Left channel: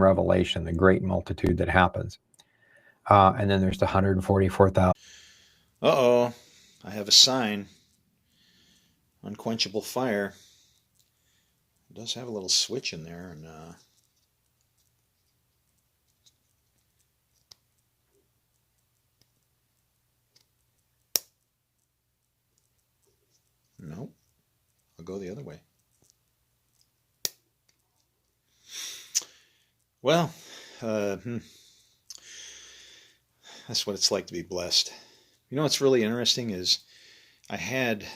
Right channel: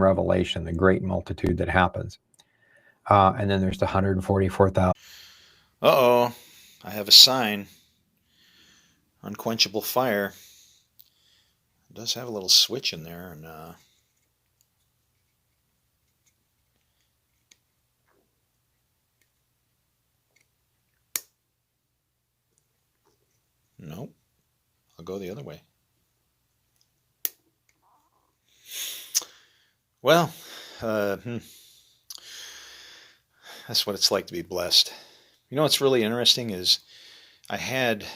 Revelation, the great multitude that happens. And then there's the 144,000. Uh-oh, I have a sign. Unquenchable fire. It does have a little switch in there, and nope. I'll go the other way. Well, that's what it's like to be blessed. You know what's really interesting is I had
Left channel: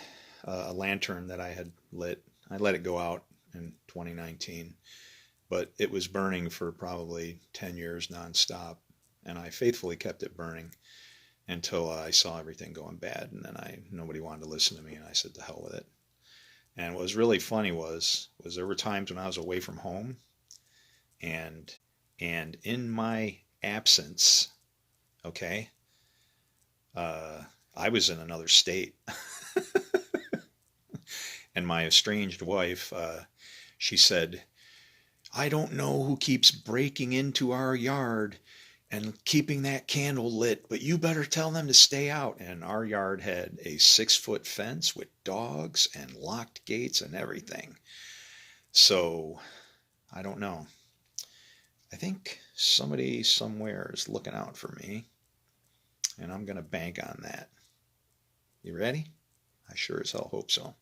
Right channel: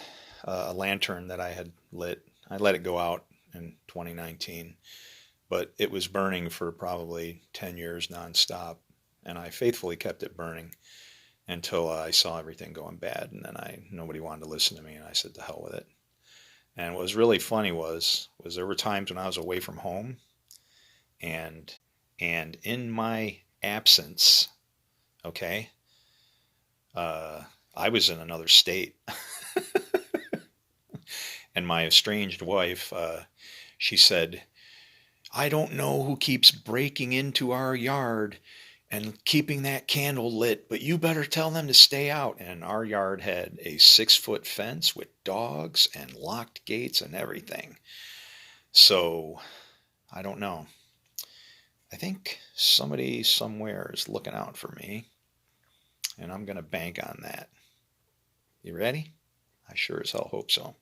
a lantern that I had lit. I let it go out in 2019, but it was burning for probably 10 years nonstop, and I faithfully kept it burning until I saw everything going bad, and then nobody wanted to listen to me, and I said, "To hell with it." And what was really funny was there were times when I was away from home, and in my absence, okay, I was in another state, and my estranged wife, she said, "I don't know who keeps breaking into our yard and keeping that candle lit, but you better tell them to stay out." And our yard had a 6-foot fence with dogs and locked gates and everything. So I don't know. I think somebody somewhere is looking out for me, and I'm going to bank on that. You ready? I sure as hell hope so.